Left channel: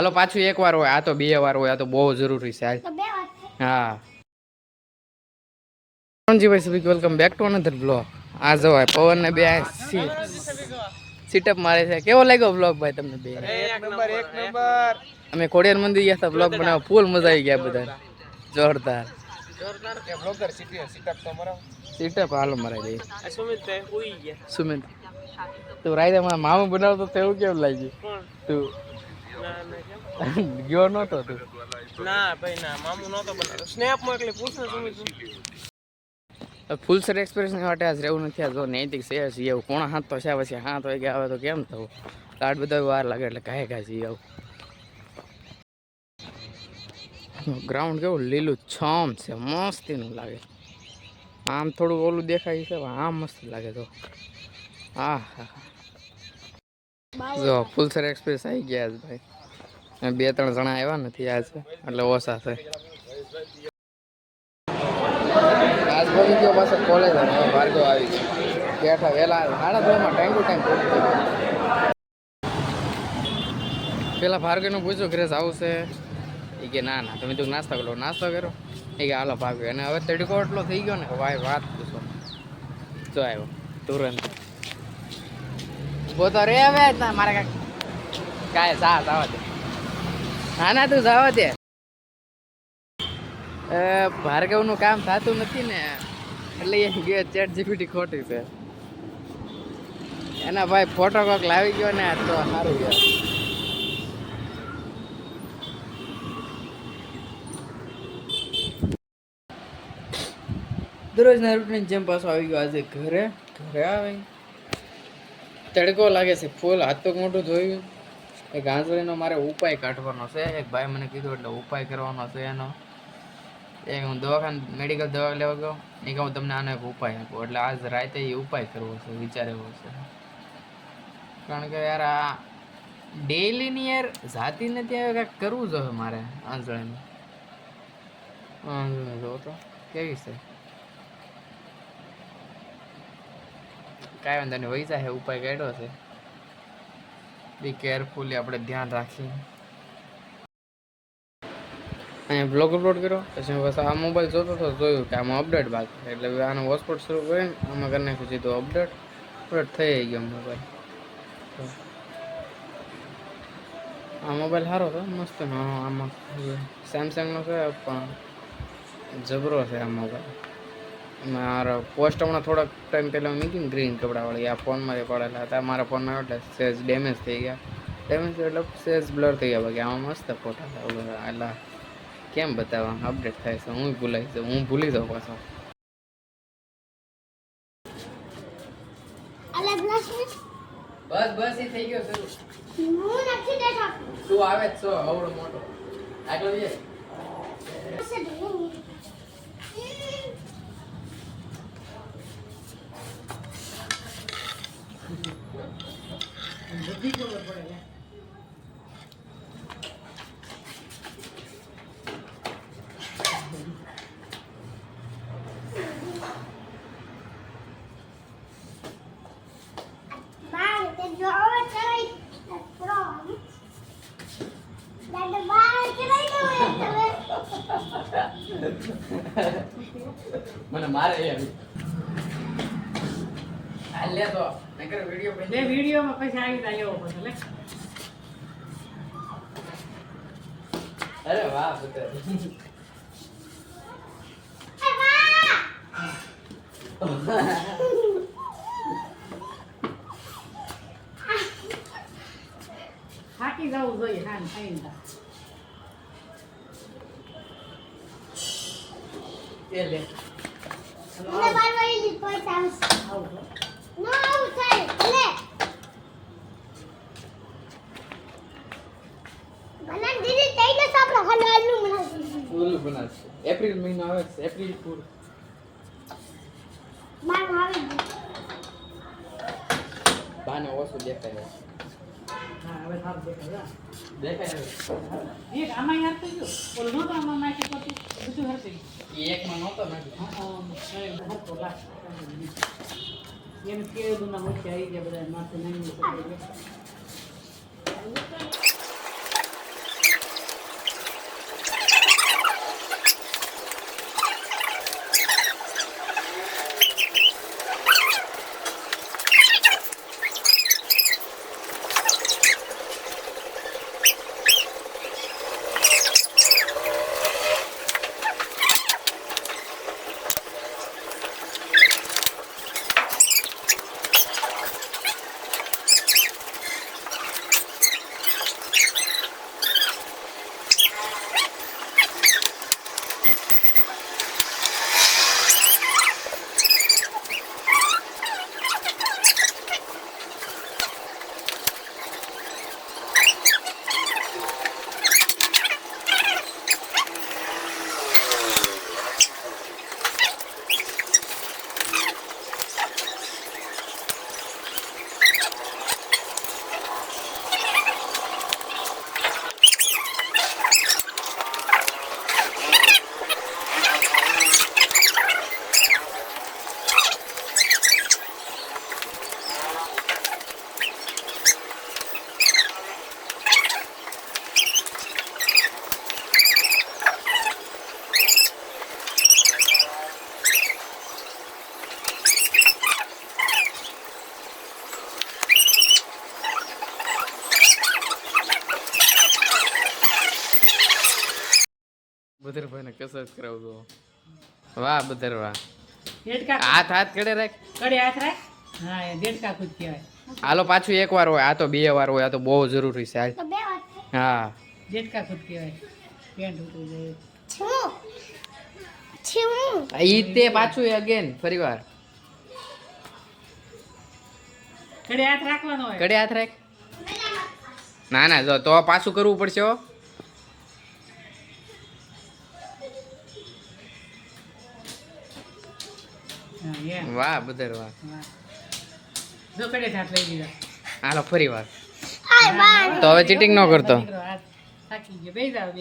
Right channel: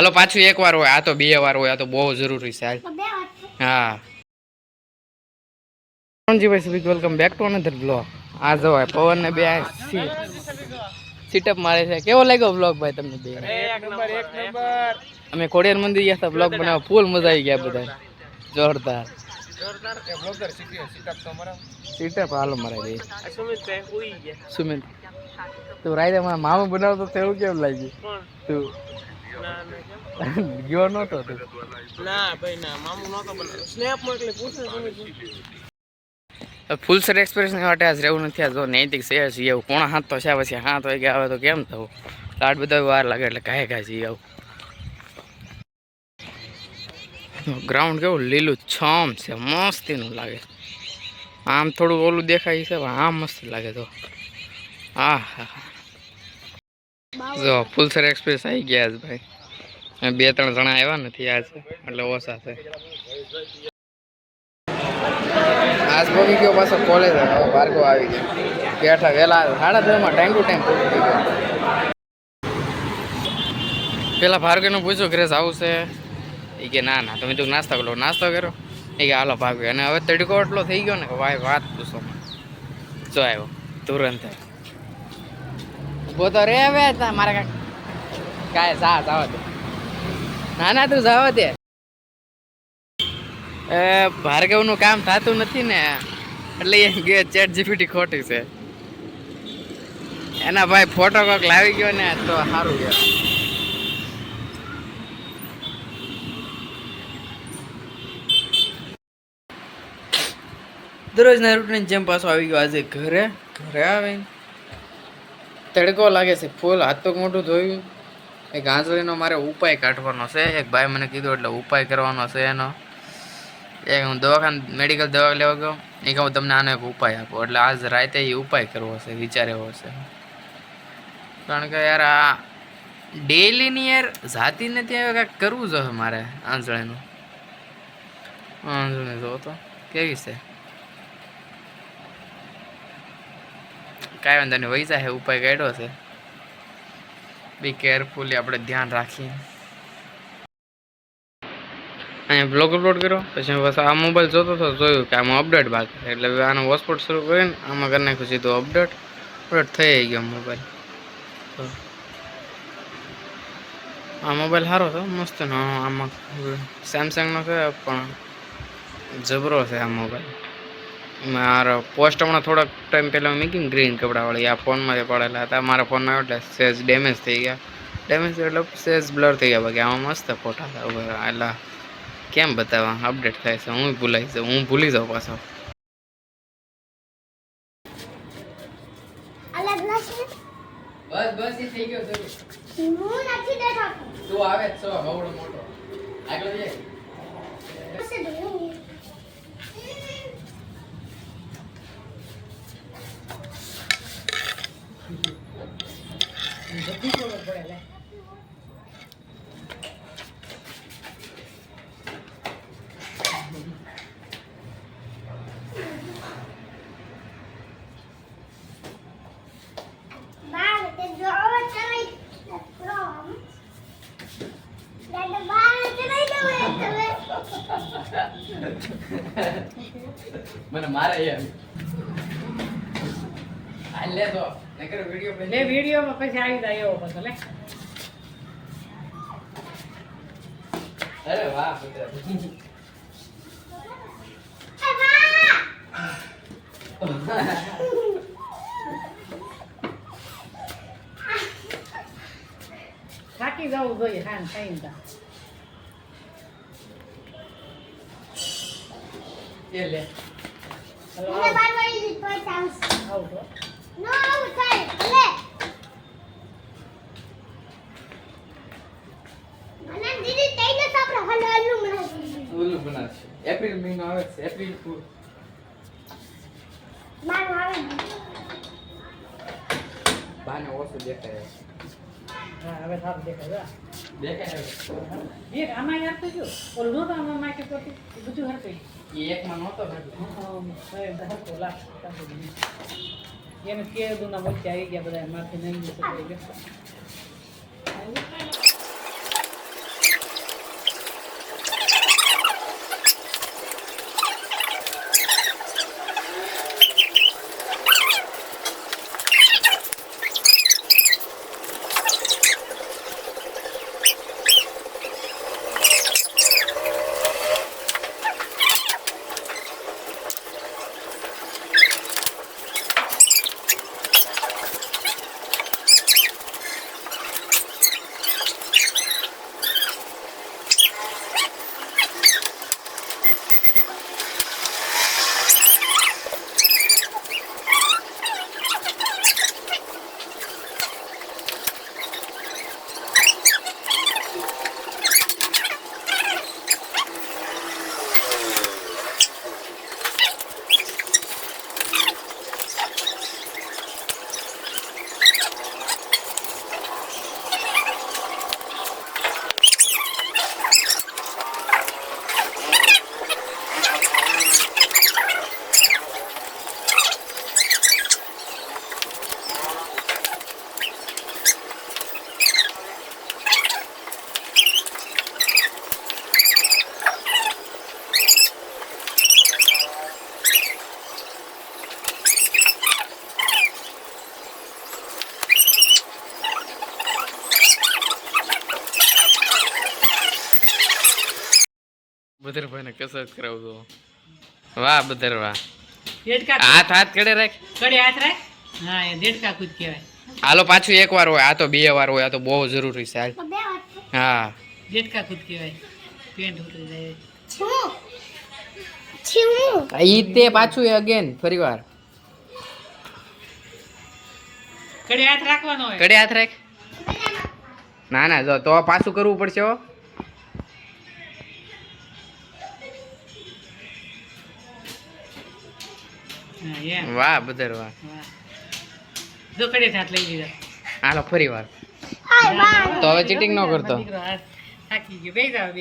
હાલો પાછું એક વાર હોય, આ તો 2 વાર હોય, આ તો બહુ જરૂરી છે. હા ભાઈ welcome back to another blog. આ જો પવન ને બે સીટઅપ મારે છે. કેવો લાગ્યો બ્લોગ ભાઈ તમને બે? એક નંબર. અમે ખોડિયાર મંદિર ગયા હતા, બ્લોગ બનાવવા ફૂલ મજા આવી ગયા બધા, જોરદાર. સીટઅપ હાલો મરાઈ દે. સુમિત તું રાઈતે મામા બનાવતો તો એવું કેમ લાગ્યું? તું ગયો નતો તું? ના ભાઈ ના, મામુ નતો બનાવ્યો. સ્નેપ મોકલી પૂછો સુમિત. ફૂલ સર એક્સપ્રેસ ની માટે આજ રહેવું નથી. આ જો નૈતિક છે એવું કોણા હાથ તો છે, પછી 7 વાગે આવે તો કેમ થવું? લાડ બધા વાર લાગે એટલે કાંઈ કાંઈ આવું. ગ્રાઉન્ડ કેવું લીલું છમ છે, મસ્તીનું લાગે. આમ થોડું ઓલું દેખાય છે, આમ મસ્ત લાગે. તો હા હા જો ફૂલસર એક્સપ્રેસ આવી ગયા ભાઈ. 2-3 જણા આવ્યા નથી આજ, એટલે ઓછા છે. આજ ભોગી ગયો પાછો કોલેજ, ભાર્ગવ આવી ગયો. બેઠા વહેલા 9:30 ટાઈમ ટુ ટાઈમ પૂરું થઈ ગયો. પેલા ભાર્ગવને પૂછ્યું ઘરે આવું છે? એ કે ના તમે તું નાસ્તો કરો. નાસ્તો કરો એ કે હાલો ભાગ્યો. અને હવે તડકો એટલો થઈ ગયો ને કે ભાઈ વાત પૂછો. જો આવ્યો તુરંત. ઉભો તો રે હવે મારે કાંઈ જવા દે. ના તું જવા દે. ભાર્ગવનું કામ થતું નથી ને, એટલે એ ચેટ જીપીટી ખોટી છે. એના ભાઈ ફોટો કોક લાવી ગયો ને તો સારું ગયા. દરરોજના રૂટીન જેમ પાછો આવી ગયો આજે ઘરે આવે તડકો લાગે છે ફૂલ. હાથ તો મોટું ધોયું. એક ગાંજળીનો મારે ઉપાય કાઢવાનો છે. એક ભાઈ મને કીધું એટલે ઉપાય કરવાનો છે એનો. હું મેડિકલ દવા લેવા ગયો. એ કહું તમને આનો એક ઉપાય આપો, એટલે આજ રાતે એ ઉપાય કરવો છે, વિચાર એવો છે. કારણ કે યાર આ ડેઈલીની યાર જાતિને ત્યાં કાંઈક કરવું જોઈએ મારે. આંજળીનું જો તો કેવી છે, કાંઈ વાંધો નહીં, વૈસા હે ઉપાય કાઢ્યો છે. બી કેરફુલી આપણે ધ્યાન રાખીએ. અહીંયા બ્લોગ અપલોડ કર્યો પછી બસ આ મોબાઈલ જોતો હતો, જોયું કે આમાં અપડેટ બાકી, એટલે આનો હોટસ્પોટ શરૂ કરીને આમાં કરી નાખ્યું સીધું અપડેટ થઈ ગયો મોબાઈલ. તો આ મોબાઈલ સારો હતો, મસ્તનો. આમાં સેમસંગનો છે પણ જબરો છે આ મોબાઈલ. મારો પોસ્ટ હમણાં થોડાક ટાઈમ પહેલાં મૂકી ગ્રીન કપડાવાળી, આ ફોનમાંથી પડેલા હતા. મારા ફોનમાં એટલે સેજ ડેમેજ થઈ ગયા. ડેમેજ એટલે સેજ બ્લર થઈ ગયા. બાકી આમાં મસ્ત ફોટા હતા. એટલે કેમ બતાવવા, અપડેટ થાય છે. હું ભૂલી જાઉં પાછો. બસ એ થઈ ગયો શરૂ. હું નથી દેખા. તું આવે જ છો હવડો મોટો. આગળ જઈ. બધી ખબર પડે. મને મારે લે તો નકર વિડિયો બને. વિડિયોમાં પછી આવી જાય એવો પછી લે. અરે વાહ પુત્ર. થાકી જવું જોઈએ ખાન ખાઈને. એ લે મને બારવાળી લીધ પર ચાન્સ આવો નો આવો ચાલ લે મને દીદી તઈને આપણે હલવાનું બનાવશે. એપ્રિલ મહિનો આવે છે, એપ્રિલ ફૂલ માર આવે બાને ઓછો દેખાય. હા હવે સારું દેખાય એક આમાં યાદ થઈ ગયો. ઓલો નતો આમાં નાખે પછી બધું હરશે. એકમાં નહોતો એને કેદું ના વચ્ચે આવી ગયા બધા માથે નહીં. બદરભાઈને કસરત કરાવતો. વાહ બદર વાહ. દેડકા હાથ હાથ કડે રાખ. કડે હાથ રાખ. હા એ દેડકા કૂદ કહેવાય. હાલો પાછું એક વાર હોય, આ તો 2 વાર હોય, આ તો બહુ જરૂરી છે હાલ. હા દેડકા કૂદ કહેવાય. પેન્ટ ઉતરી જાય. ઈ તે પાછું અગેન ફરી વાર કડે હાથ રાખવાનો હોય. કડે હાથ રાખ. ના ના જો તો પાછું કરવું પડશે હો. હા, એમ. વાહ બદર વાહ. હા. જો કડે હાથ લઈ લીધા. હાલો ફરી વાર. તો હવે ચીટિંગ ન કરતો. દીકરો હાથ થાકી ગયો. બેસી જાવ બે